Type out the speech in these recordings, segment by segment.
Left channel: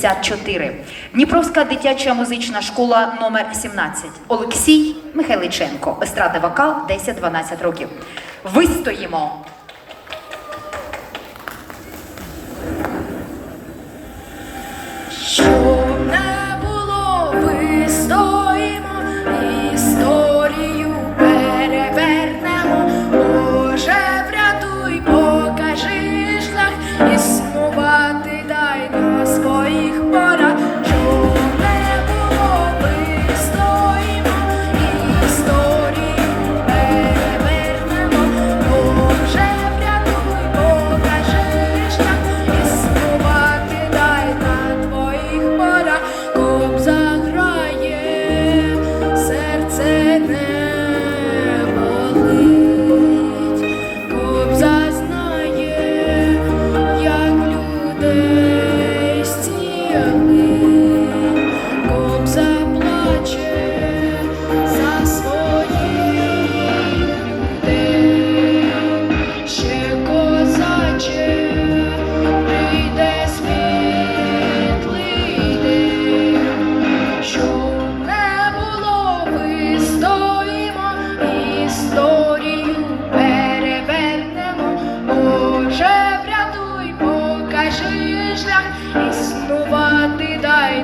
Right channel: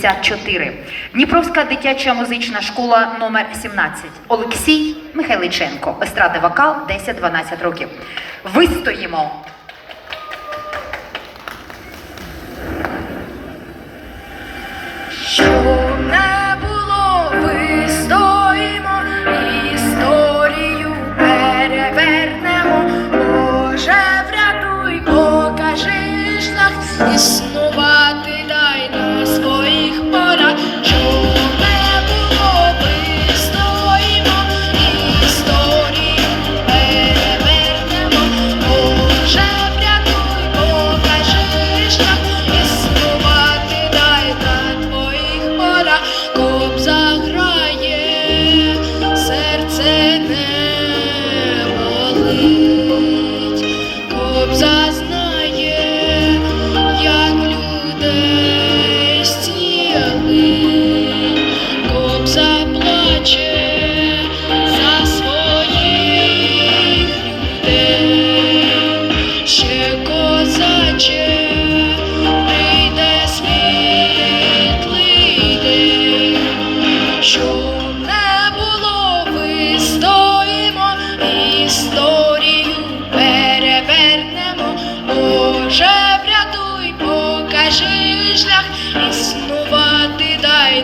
54. Дніпровська дитяча музична школа номер 17 Олексій Михайличенко. Естради вокал 10-12 років. Вистоїмо. Що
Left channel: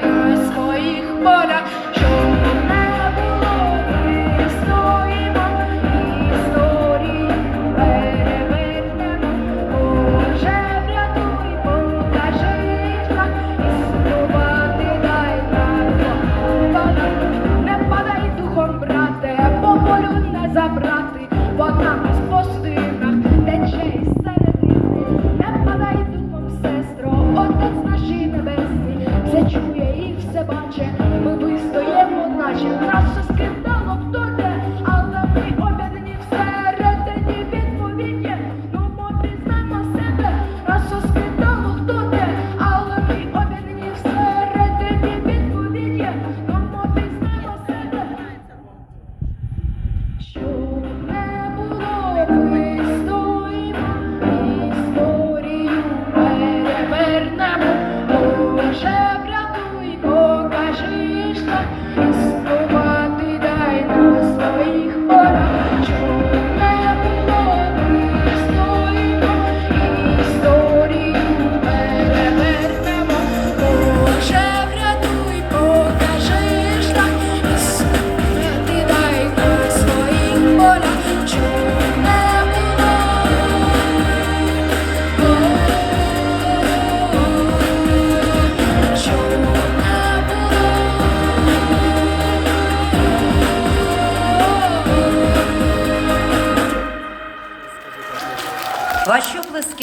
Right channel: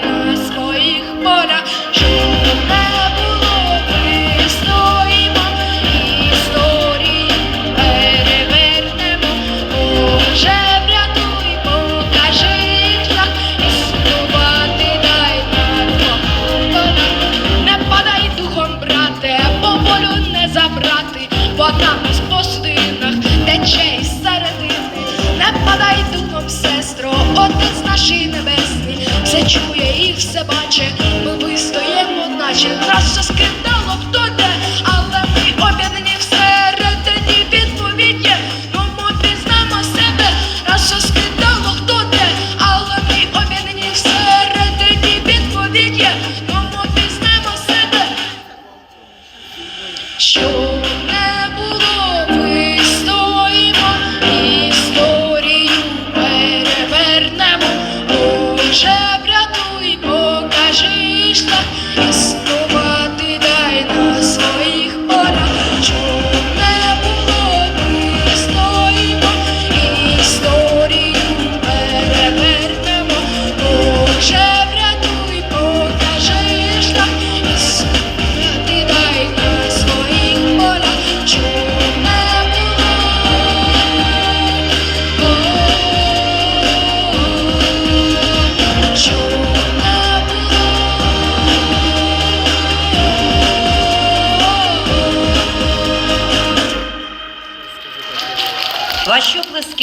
Bye. чує і все бачить, ми вистоїмо, наче нас все скрипить.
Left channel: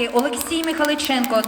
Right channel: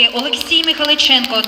Олексій Михайличенко.